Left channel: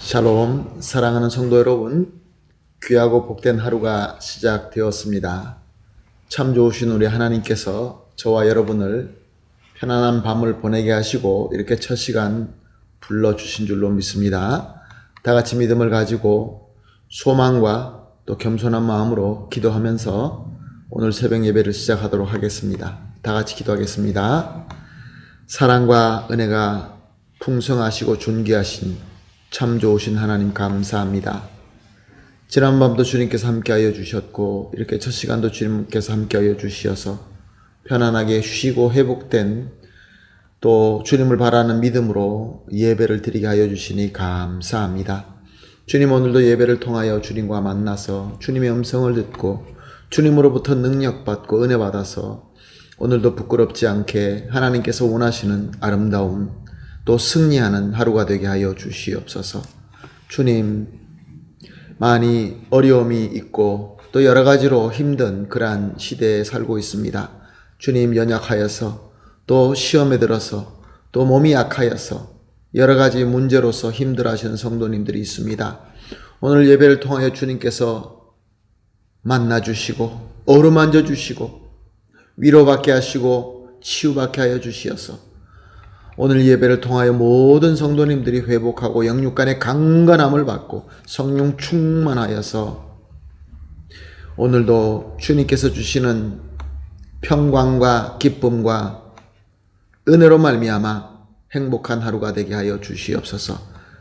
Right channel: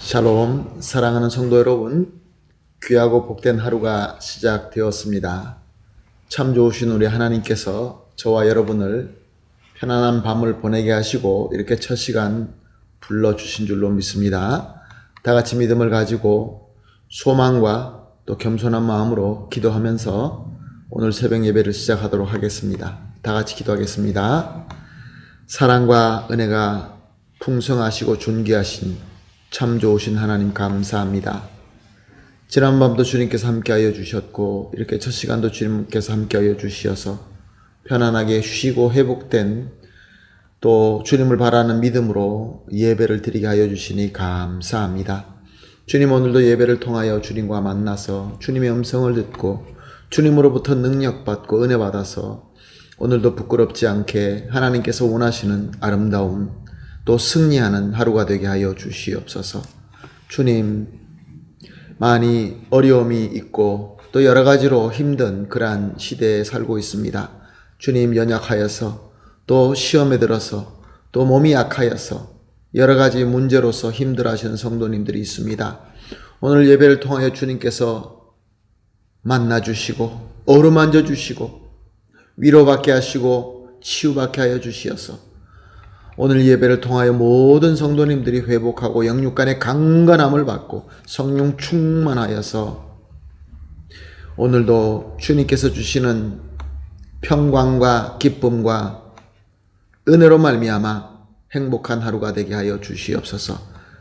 샬롬, 사랑하는 성도 여러분, 귀하고 복된 하루가 시작되었습니다. 참 좋으신 우리 하나님께서 저와 여러분을 편안한 밤을 보내게 하시고 이렇게 첫 시간 불러주신 줄로 믿습니다. 다 같이 믿음을 가지고 소망과 또 겸손한 마음으로 기도하면서 오늘 새벽 예배를 시작하도록 하겠습니다. 다 같이 기도하겠습니다. 사랑과 은혜가 풍성하시고 존귀하신 참 좋으신 하나님 감사합니다. 지난밤도 주님께서 함께하여 주셨고 이렇게 첫 시간도 주님께서 함께하여 주시어서 편안하게 쉬고 회복된 또 주님을 바라는 믿음으로 예배를 드리게 하여 주시니 감사합니다. 주님, 오늘도 예배를 통하여 주님과 만나서 주님의 음성을 듣고 주님으로부터 능력받고 은혜 받아서 오늘도 부끄럽지 않게 하나님께서 원하시는 아름다운 또 승리하는 하루가 되게 하여 주시옵소서. 주님, 많이 어려움이 있고 또 여러 가지로 힘든 그러한 시대에 살고 있습니다. 주님, 연약하여서 또 시험에 들어서 또 몸이 약하여서 여러 가지 문제로서 힘들어하시는 성도님들이 있습니다. 오늘 예배를 통하여 주님께서 만나주시고 어루만져 주시고 위로받게 하시고 치유받게 하여 주시어서 오늘 예배를 통하여 모든 성도님들이 회복하고 영육간의 강건함을 받고 성령 충만하여서 오늘도 주님께서 주시는 평강과 기쁨과 은혜로 말미암아 행복한 하루가 되게 하여 주시옵소서.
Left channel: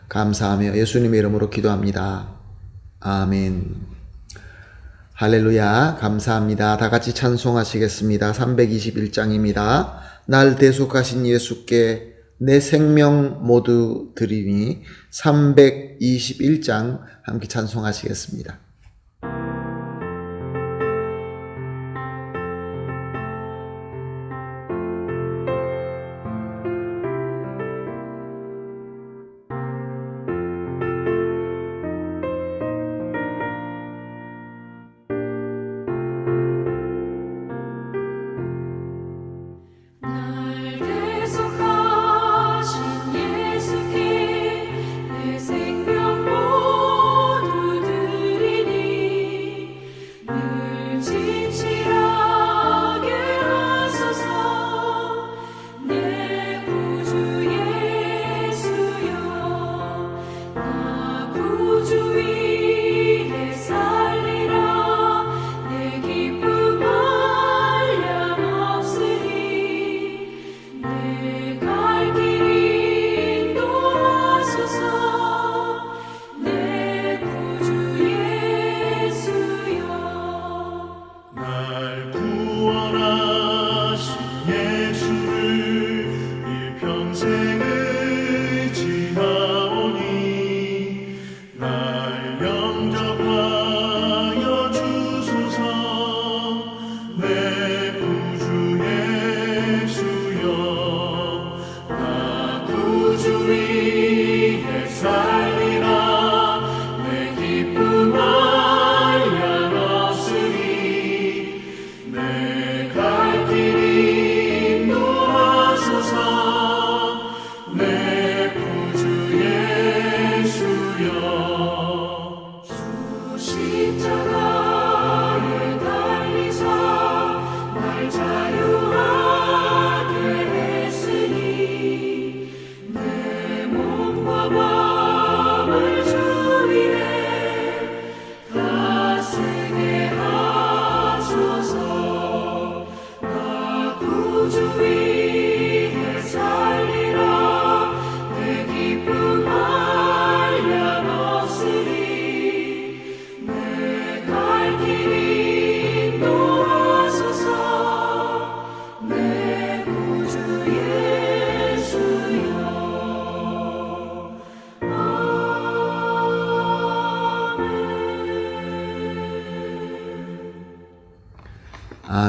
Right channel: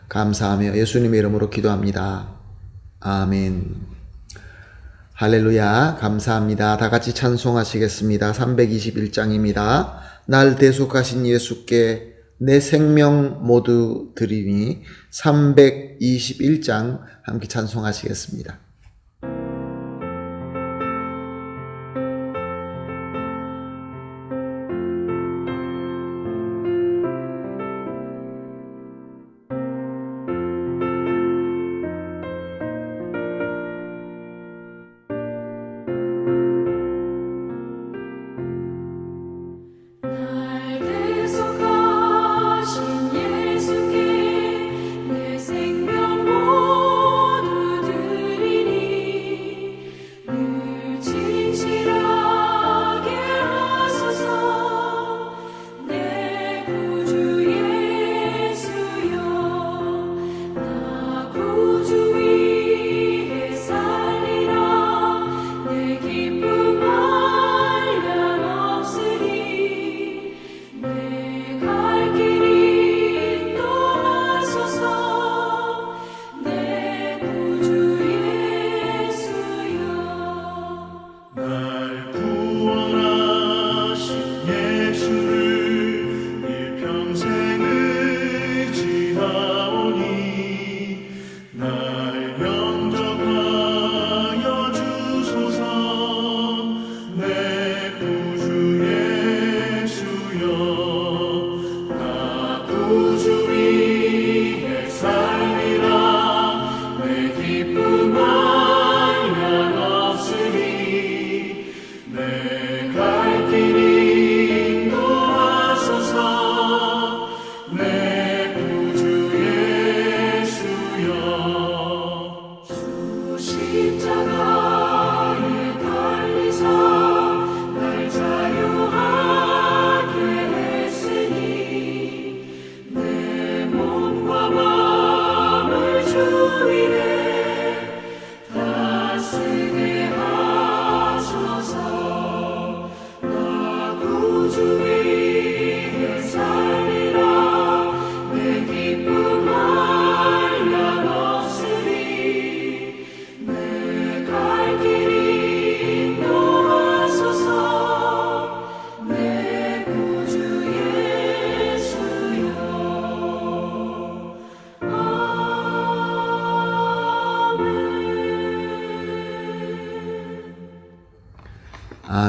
감사하며 예수님의 이름으로 기도합니다. 아멘. 할렐루야. 감사합니다. 다 같이 찬송하시겠습니다. 321장입니다. 날 대속하신 예수께 내 생명 모두 드리니 321장 함께 찬송하시겠습니다.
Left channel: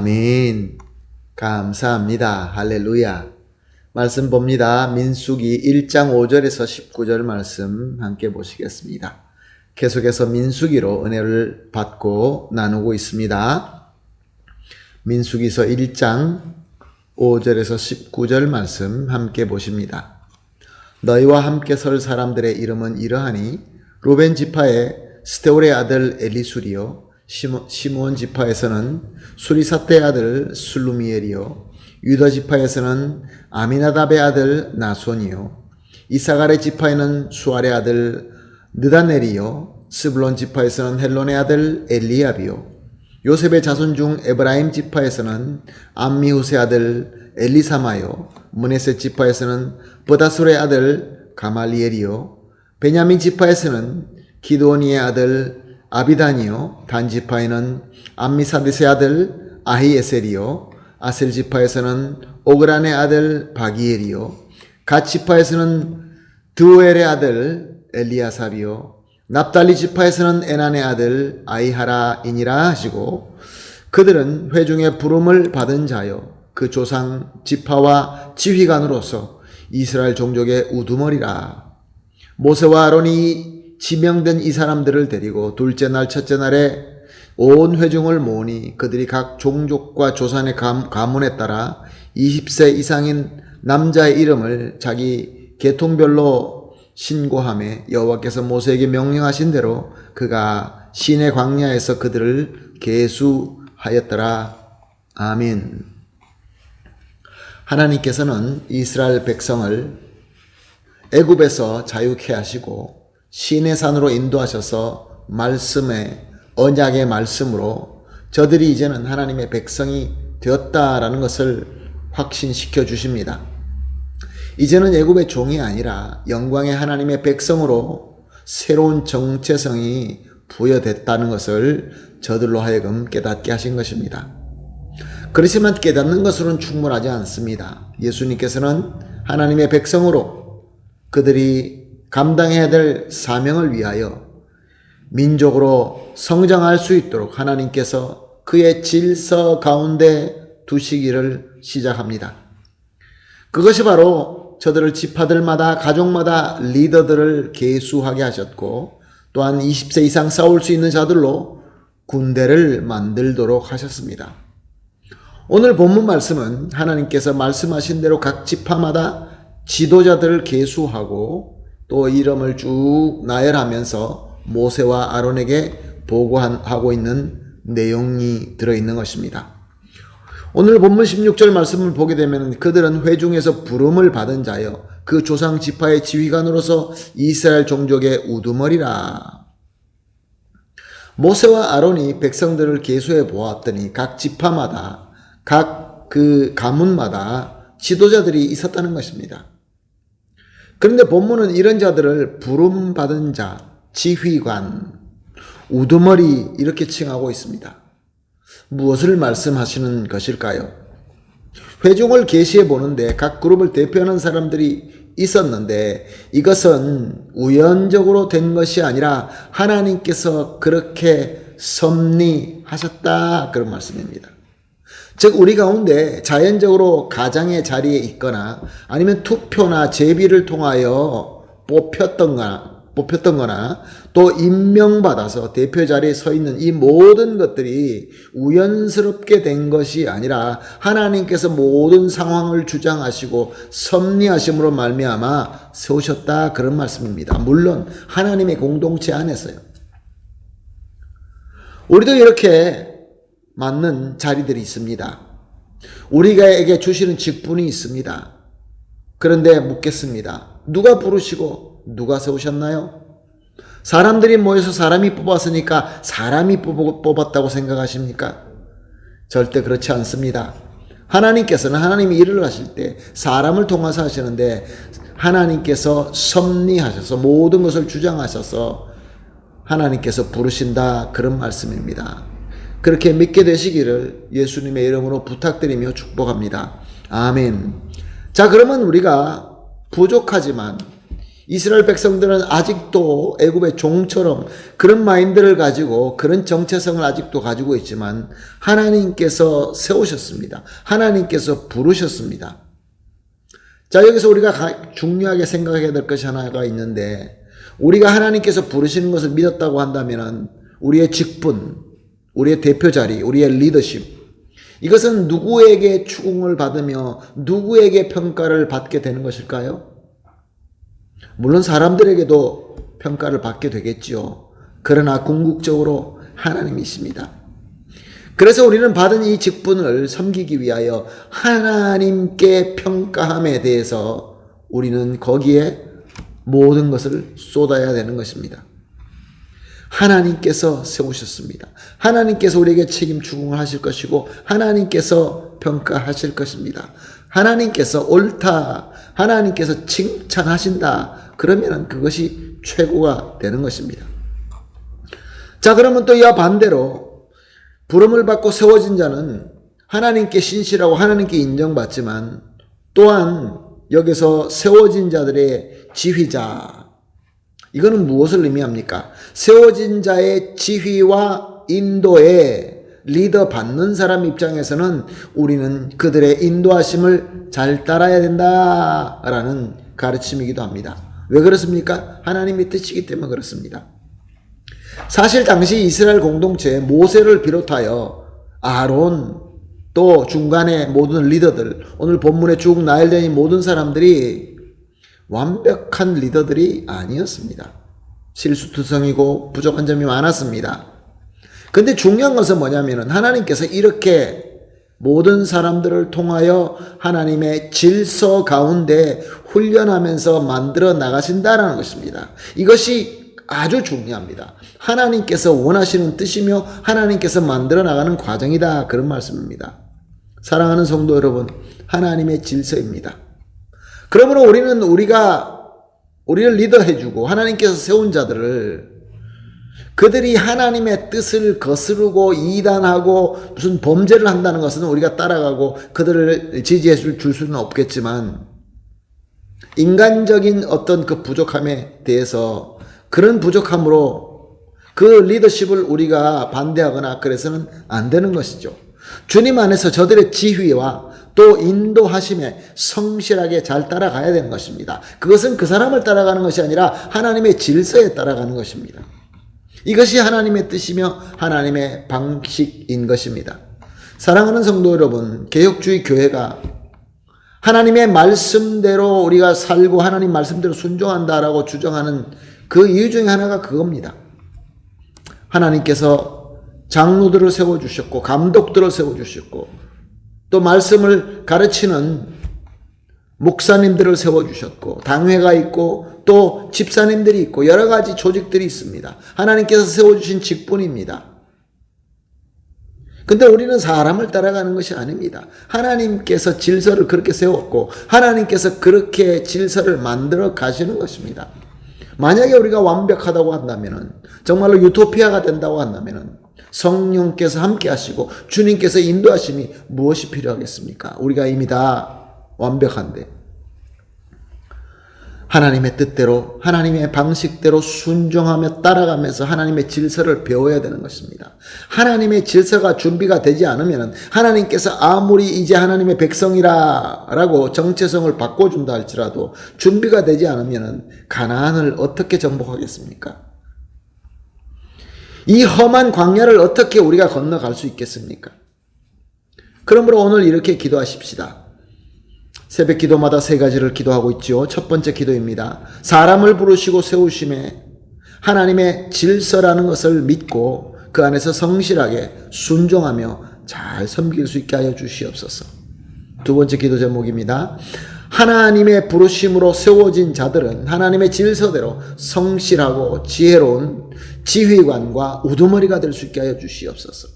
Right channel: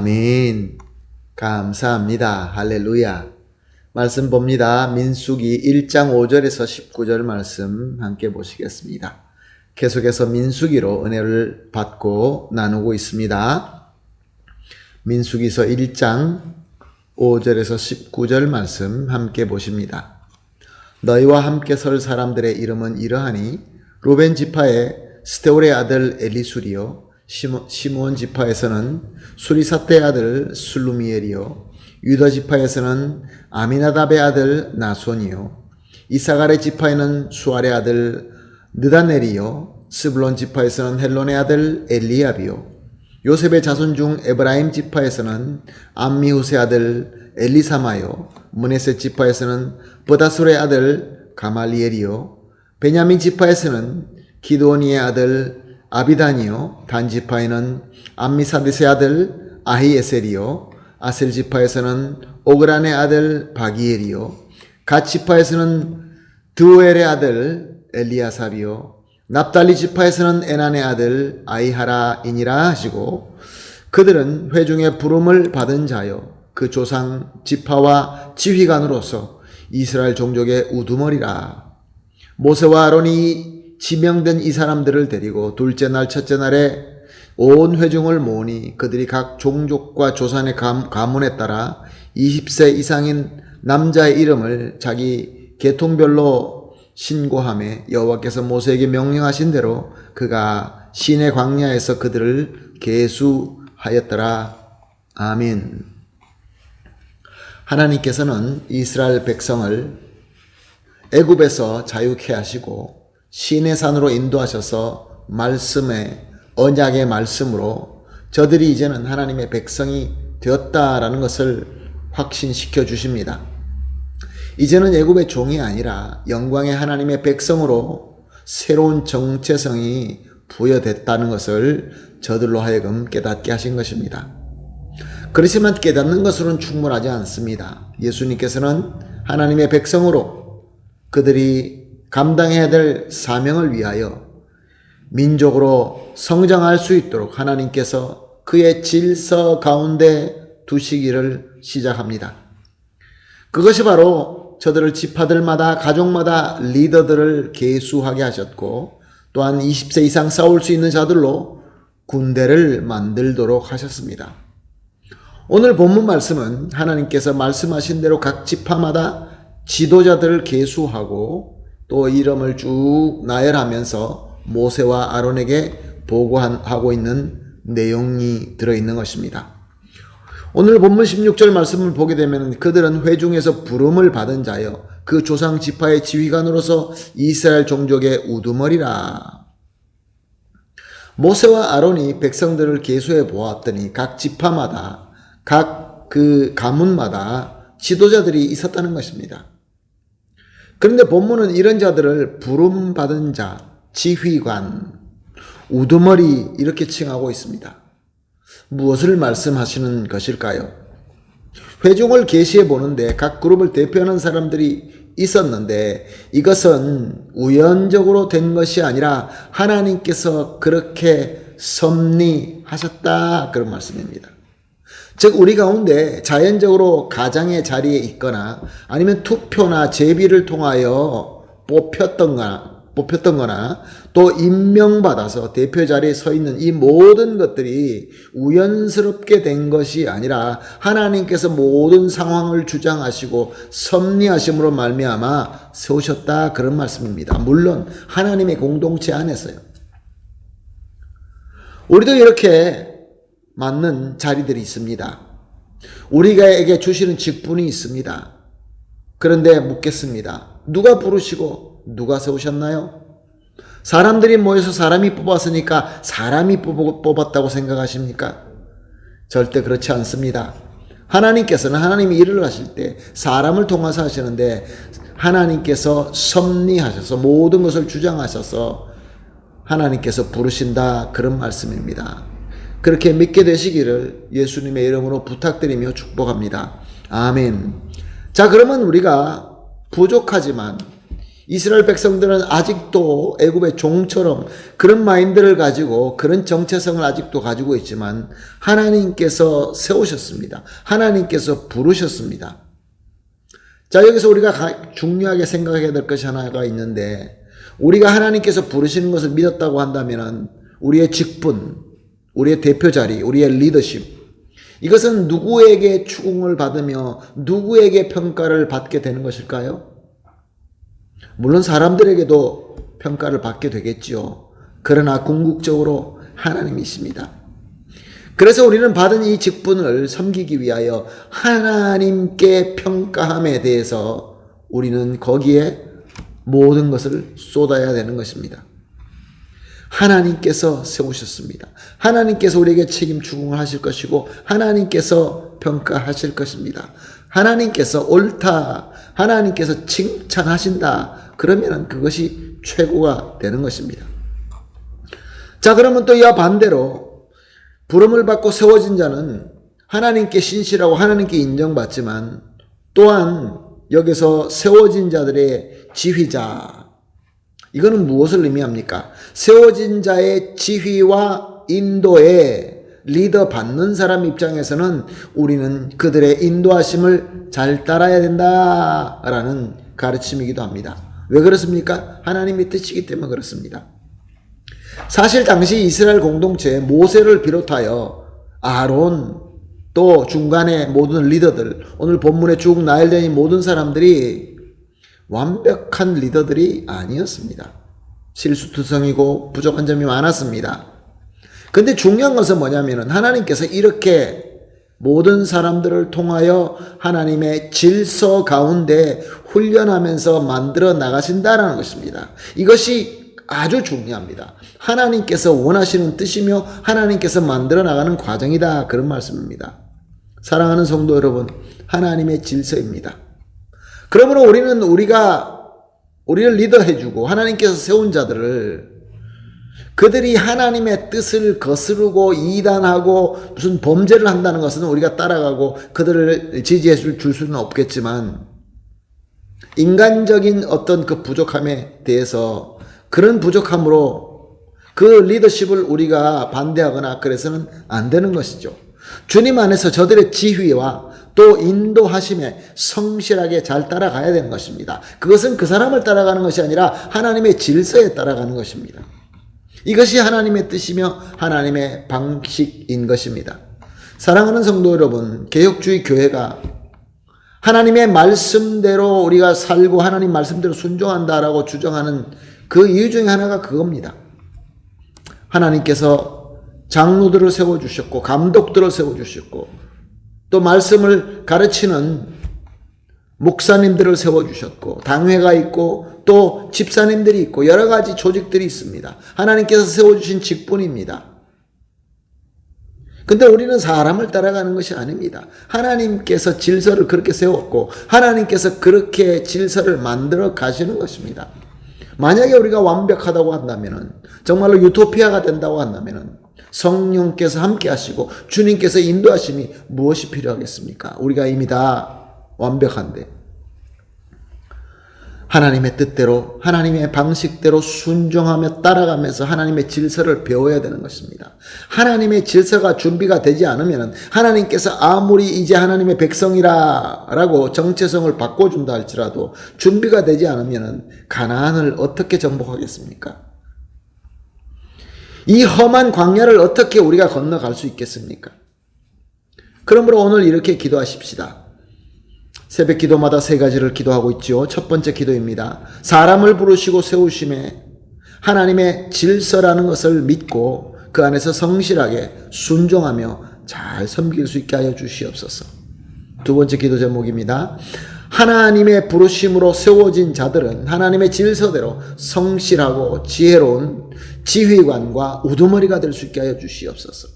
아멘. 감사합니다. 할렐루야. 말씀 봅니다. 민수기 1장 5절에서 19절 말씀 함께 보시겠습니다. 계속해서 민수기로 은혜를 받고 나누고 있습니다. 민수기서 1장 5절에서 19절 말씀 함께 보십니다. 너희와 함께 설 사람들의 이름은 이러하니 루벤 지파의 스데울의 아들 엘리술이요 시므온 지파에서는 수리사떼의 아들 술루미엘이요 유다 지파에서는 아미나답의 아들 나손이요 이사갈의 지파에는 수알의 아들 느다넬이요 스불론 지파에서는 헬론의 아들 엘리압이요 요셉의 자손 중 에브라임 지파에서는 암미후스의 아들 엘리사마요 므네세 지파에서는 브다술의 아들 가말리엘이요 베냐민 지파에서는 기드오니의 아들 아비단이요 단 지파에는 암미사디스의 아들 아히에셀이요 아셀 지파에서는 오그란의 아들 바기엘이요 갓 지파에서는 드우엘의 아들 엘리아삽이요 납달리 지파에서는 에난의 아들 아이하라이니라 하시고 그들은 회중의 부름을 받은 자요 그 조상 지파와 지휘관으로서 이스라엘 종족의 우두머리라. 모세와 아론이 지명된 이 사람들을 데리고 둘째 날 첫째 날에 온 회중을 모으니 그들이 각 종족과 조상의 가문에 따라 20세 이상인 남자의 이름을 자기 계통별로 신고하며 여호와께서 모세에게 명령하신 대로 그가 시내 광야에서 그들을 계수하였더라. 아멘. 하나님께서는 이스라엘 백성을 애굽에서 자유케 하시고 시내산으로 인도하셔서 말씀의 언약의 말씀으로 저들이 이제는 하나님의 백성이 되었다라는 것을 확신시켜 주십니다. 이제는 애굽의 종이 아니라 영광의 하나님의 백성으로 새로운 정체성이 부여됐다는 것을 저들로 하여금 깨닫게 하신 것입니다. 그렇지만 깨닫는 것으로는 충분하지 않습니다. 예수님께서는 하나님의 백성으로 그들이 감당해야 될 사명을 위하여 민족으로 성장할 수 있도록 하나님께서 그의 질서 가운데 두시기를 시작합니다. 그것이 바로 저들을 지파들마다 가족마다 리더들을 계수하게 하셨고 또한 20세 이상 싸울 수 있는 자들로 군대를 만들도록 하셨습니다. 오늘 본문 말씀은 하나님께서 말씀하신 대로 각 지파마다 지도자들을 계수하고 또 이름을 쭉 나열하면서 모세와 아론에게 보고하고 있는 내용이 들어있는 것입니다. 오늘 본문 16절 말씀을 보게 되면 그들은 회중에서 부름을 받은 자여 그 조상 지파의 지휘관으로서 이스라엘 종족의 우두머리라. 모세와 아론이 백성들을 계수해 보았더니 각 지파마다 각 그 가문마다 지도자들이 있었다는 것입니다. 그런데 본문은 이런 자들을 부름받은 자, 지휘관, 우두머리 이렇게 칭하고 있습니다. 무엇을 말씀하시는 것일까요? 회중을 계시해 보는데 각 그룹을 대표하는 사람들이 있었는데 이것은 우연적으로 된 것이 아니라 하나님께서 그렇게 섭리하셨다 그런 말씀입니다. 즉 우리 가운데 자연적으로 가장의 자리에 있거나 아니면 투표나 제비를 통하여 뽑혔던 거나 또 임명받아서 대표 자리에 서 있는 이 모든 것들이 우연스럽게 된 것이 아니라 하나님께서 모든 상황을 주장하시고 섭리하심으로 말미암아 세우셨다 그런 말씀입니다. 물론 하나님의 공동체 안에서요. 우리도 이렇게 맞는 자리들이 있습니다. 우리에게 주시는 직분이 있습니다. 그런데 묻겠습니다. 누가 부르시고 누가 세우셨나요? 사람들이 모여서 사람이 뽑았으니까 사람이 뽑았다고 생각하십니까? 절대 그렇지 않습니다. 하나님께서는 하나님이 일을 하실 때 사람을 통해서 하시는데 하나님께서 섭리하셔서 모든 것을 주장하셔서 하나님께서 부르신다 그런 말씀입니다. 그렇게 믿게 되시기를 예수님의 이름으로 부탁드리며 축복합니다. 아멘. 자, 그러면 우리가 부족하지만 이스라엘 백성들은 아직도 애굽의 종처럼 그런 마인드를 가지고 그런 정체성을 아직도 가지고 있지만 하나님께서 세우셨습니다. 하나님께서 부르셨습니다. 자, 여기서 우리가 중요하게 생각해야 될 것이 하나가 있는데 우리가 하나님께서 부르시는 것을 믿었다고 한다면 우리의 직분, 우리의 대표 자리, 우리의 리더십 이것은 누구에게 추궁을 받으며 누구에게 평가를 받게 되는 것일까요? 물론 사람들에게도 평가를 받게 되겠지요. 그러나 궁극적으로 하나님이십니다. 그래서 우리는 받은 이 직분을 섬기기 위하여 하나님께 평가함에 대해서 우리는 거기에 모든 것을 쏟아야 되는 것입니다. 하나님께서 세우셨습니다. 하나님께서 우리에게 책임 추궁하실 것이고 하나님께서 평가하실 것입니다. 하나님께서 옳다, 하나님께서 칭찬하신다, 그러면 그것이 최고가 되는 것입니다. 자, 그러면 또 이와 반대로 부름을 받고 세워진 자는 하나님께 신실하고 하나님께 인정받지만 또한 여기서 세워진 자들의 지휘자, 이거는 무엇을 의미합니까? 세워진 자의 지휘와 인도에 리더 받는 사람 입장에서는 우리는 그들의 인도하심을 잘 따라야 된다라는 가르침이기도 합니다. 왜 그렇습니까? 하나님의 뜻이기 때문에 그렇습니다. 사실 당시 이스라엘 공동체에 모세를 비롯하여 아론, 또 중간에 모든 리더들, 오늘 본문에 쭉 나열된 이 모든 사람들이 완벽한 리더들이 아니었습니다. 실수투성이고 부족한 점이 많았습니다. 근데 중요한 것은 뭐냐면은 하나님께서 이렇게 모든 사람들을 통하여 하나님의 질서 가운데 훈련하면서 만들어 나가신다라는 것입니다. 이것이 아주 중요합니다. 하나님께서 원하시는 뜻이며 하나님께서 만들어 나가는 과정이다, 그런 말씀입니다. 사랑하는 성도 여러분, 하나님의 질서입니다. 그러므로 우리는 우리를 리더해주고 하나님께서 세운 자들을, 그들이 하나님의 뜻을 거스르고 이단하고 무슨 범죄를 한다는 것은 우리가 따라가고 그들을 지지해 줄 수는 없겠지만, 인간적인 어떤 그 부족함에 대해서 그런 부족함으로 그 리더십을 우리가 반대하거나 그래서는 안 되는 것이죠. 주님 안에서 저들의 지휘와 또 인도하심에 성실하게 잘 따라가야 되는 것입니다. 그것은 그 사람을 따라가는 것이 아니라 하나님의 질서에 따라가는 것입니다. 이것이 하나님의 뜻이며 하나님의 방식인 것입니다. 사랑하는 성도 여러분, 개혁주의 교회가 하나님의 말씀대로 우리가 살고 하나님 말씀대로 순종한다라고 주장하는 그 이유 중에 하나가 그겁니다. 하나님께서 장로들을 세워주셨고 감독들을 세워주셨고 또 말씀을 가르치는 목사님들을 세워주셨고 당회가 있고 또 집사님들이 있고 여러 가지 조직들이 있습니다. 하나님께서 세워주신 직분입니다. 근데 우리는 사람을 따라가는 것이 아닙니다. 하나님께서 질서를 그렇게 세웠고 하나님께서 그렇게 질서를 만들어 가시는 것입니다. 만약에 우리가 완벽하다고 한다면, 정말로 유토피아가 된다고 한다면 성령께서 함께 하시고 주님께서 인도하심이 무엇이 필요하겠습니까? 우리가 이미 다 완벽한데 하나님의 뜻대로 하나님의 방식대로 순종하며 따라가면서 하나님의 질서를 배워야 되는 것입니다. 하나님의 질서가 준비가 되지 않으면 하나님께서 아무리 이제 하나님의 백성이라고 정체성을 바꿔준다 할지라도 준비가 되지 않으면 가나안을 어떻게 정복하겠습니까? 이 험한 광야를 어떻게 우리가 건너갈 수 있겠습니까? 그러므로 오늘 이렇게 기도하십시다. 새벽 기도마다 3가지를 기도하고 있지요. 첫 번째 기도입니다. 사람을 부르시고 세우심에 하나님의 질서라는 것을 믿고 그 안에서 성실하게 순종하며 잘 섬길 수 있게 하여 주시옵소서. 두 번째 기도 제목입니다. 하나님의 부르심으로 세워진 자들은 하나님의 질서대로 성실하고 지혜로운 지휘관과 우두머리가 될 수 있게 하여 주시옵소서.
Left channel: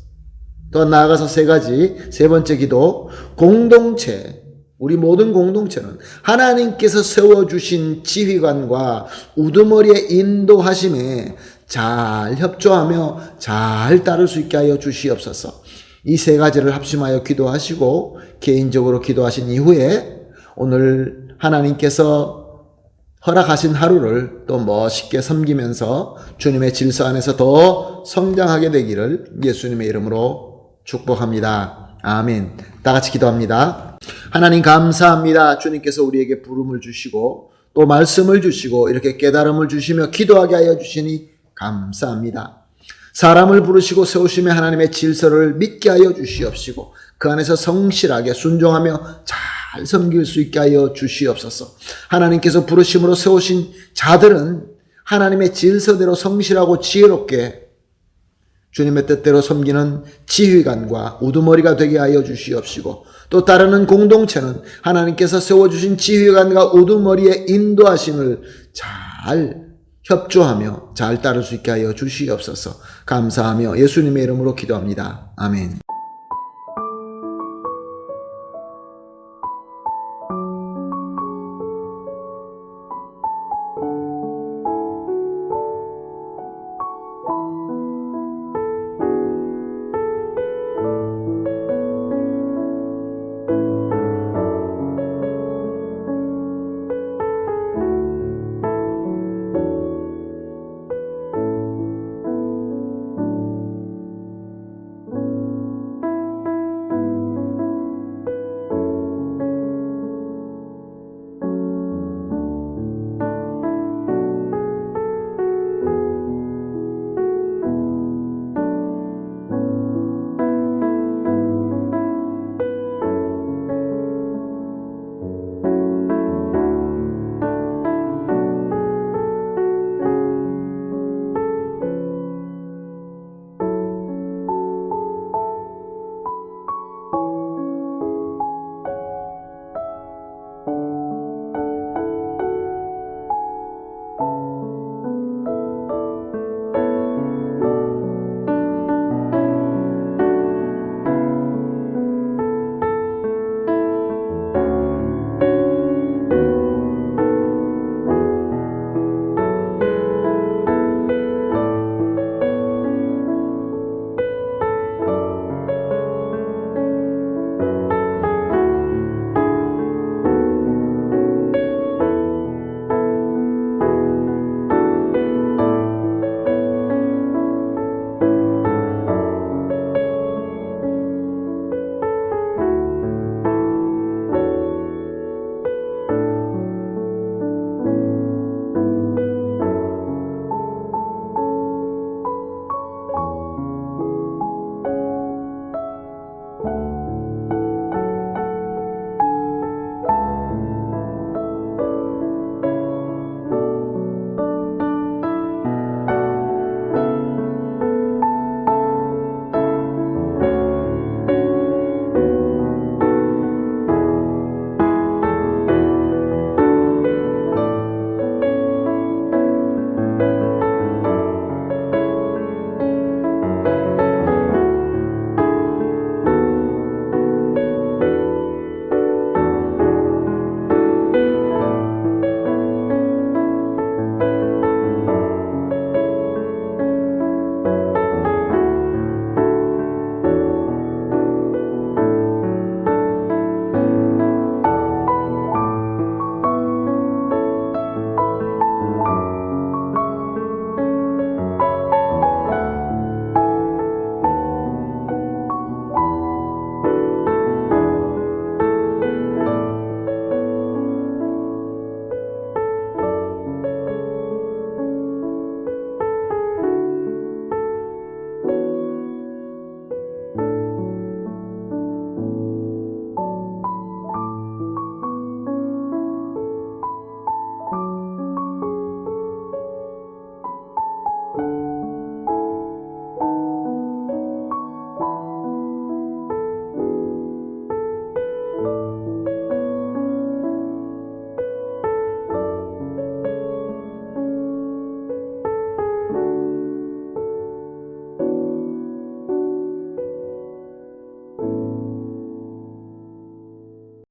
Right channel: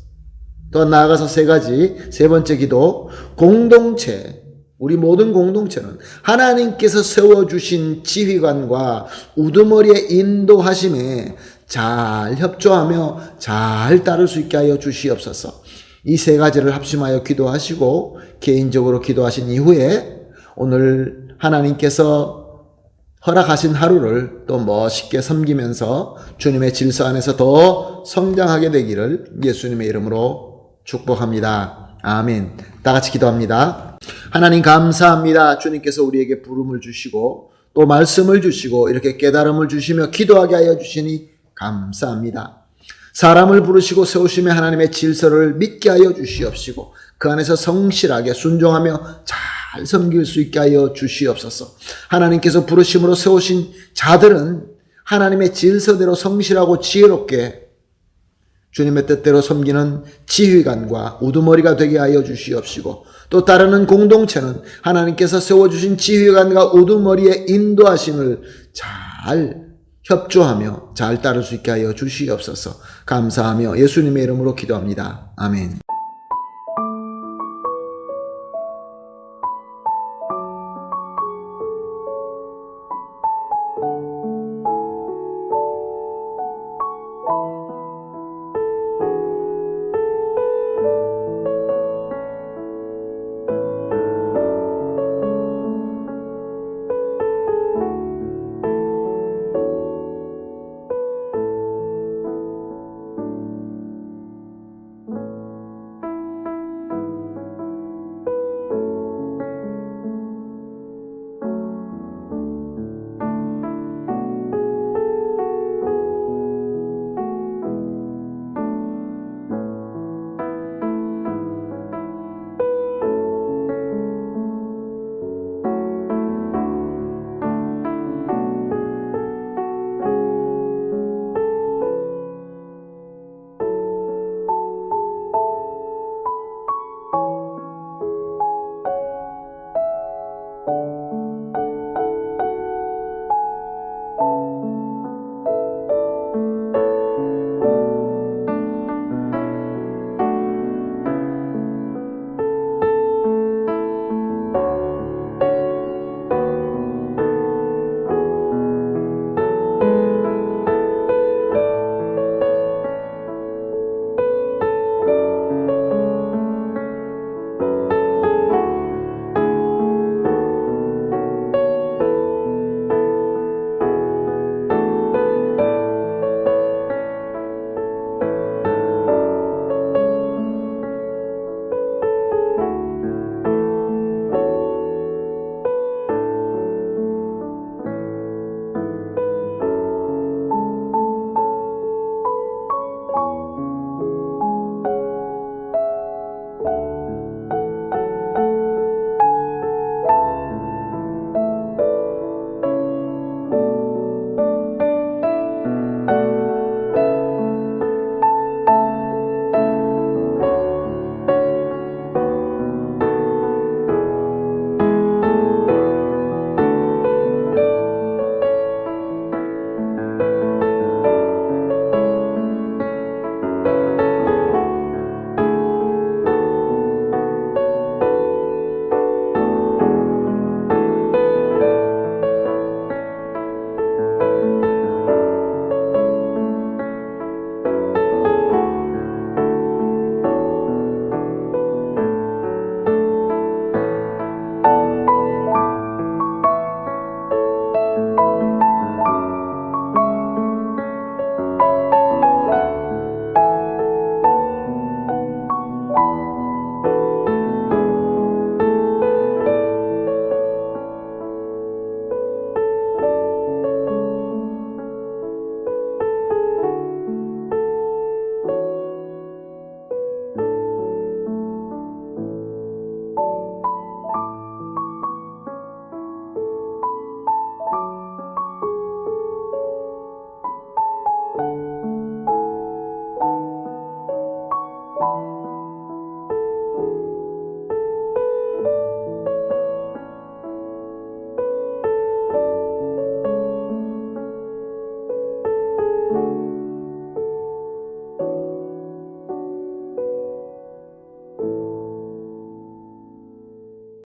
또 나아가서 3가지, 세 번째 기도, 공동체, 우리 모든 공동체는 하나님께서 세워주신 지휘관과 우두머리의 인도하심에 잘 협조하며 잘 따를 수 있게 하여 주시옵소서. 이 3가지를 합심하여 기도하시고 개인적으로 기도하신 이후에 오늘 하나님께서 허락하신 하루를 또 멋있게 섬기면서 주님의 질서 안에서 더 성장하게 되기를 예수님의 이름으로 축복합니다. 아멘. 다 같이 기도합니다. 하나님 감사합니다. 주님께서 우리에게 부름을 주시고 또 말씀을 주시고 이렇게 깨달음을 주시며 기도하게 하여 주시니 감사합니다. 사람을 부르시고 세우심에 하나님의 질서를 믿게 하여 주시옵시고 그 안에서 성실하게 순종하며 잘 섬길 수 있게 하여 주시옵소서. 하나님께서 부르심으로 세우신 자들은 하나님의 질서대로 성실하고 지혜롭게 주님의 뜻대로 섬기는 지휘관과 우두머리가 되게 하여 주시옵시고 또 따르는 공동체는 하나님께서 세워주신 지휘관과 우두머리의 인도하심을 잘 협조하며 잘 따를 수 있게 하여 주시옵소서. 감사하며 예수님의 이름으로 기도합니다. 아멘.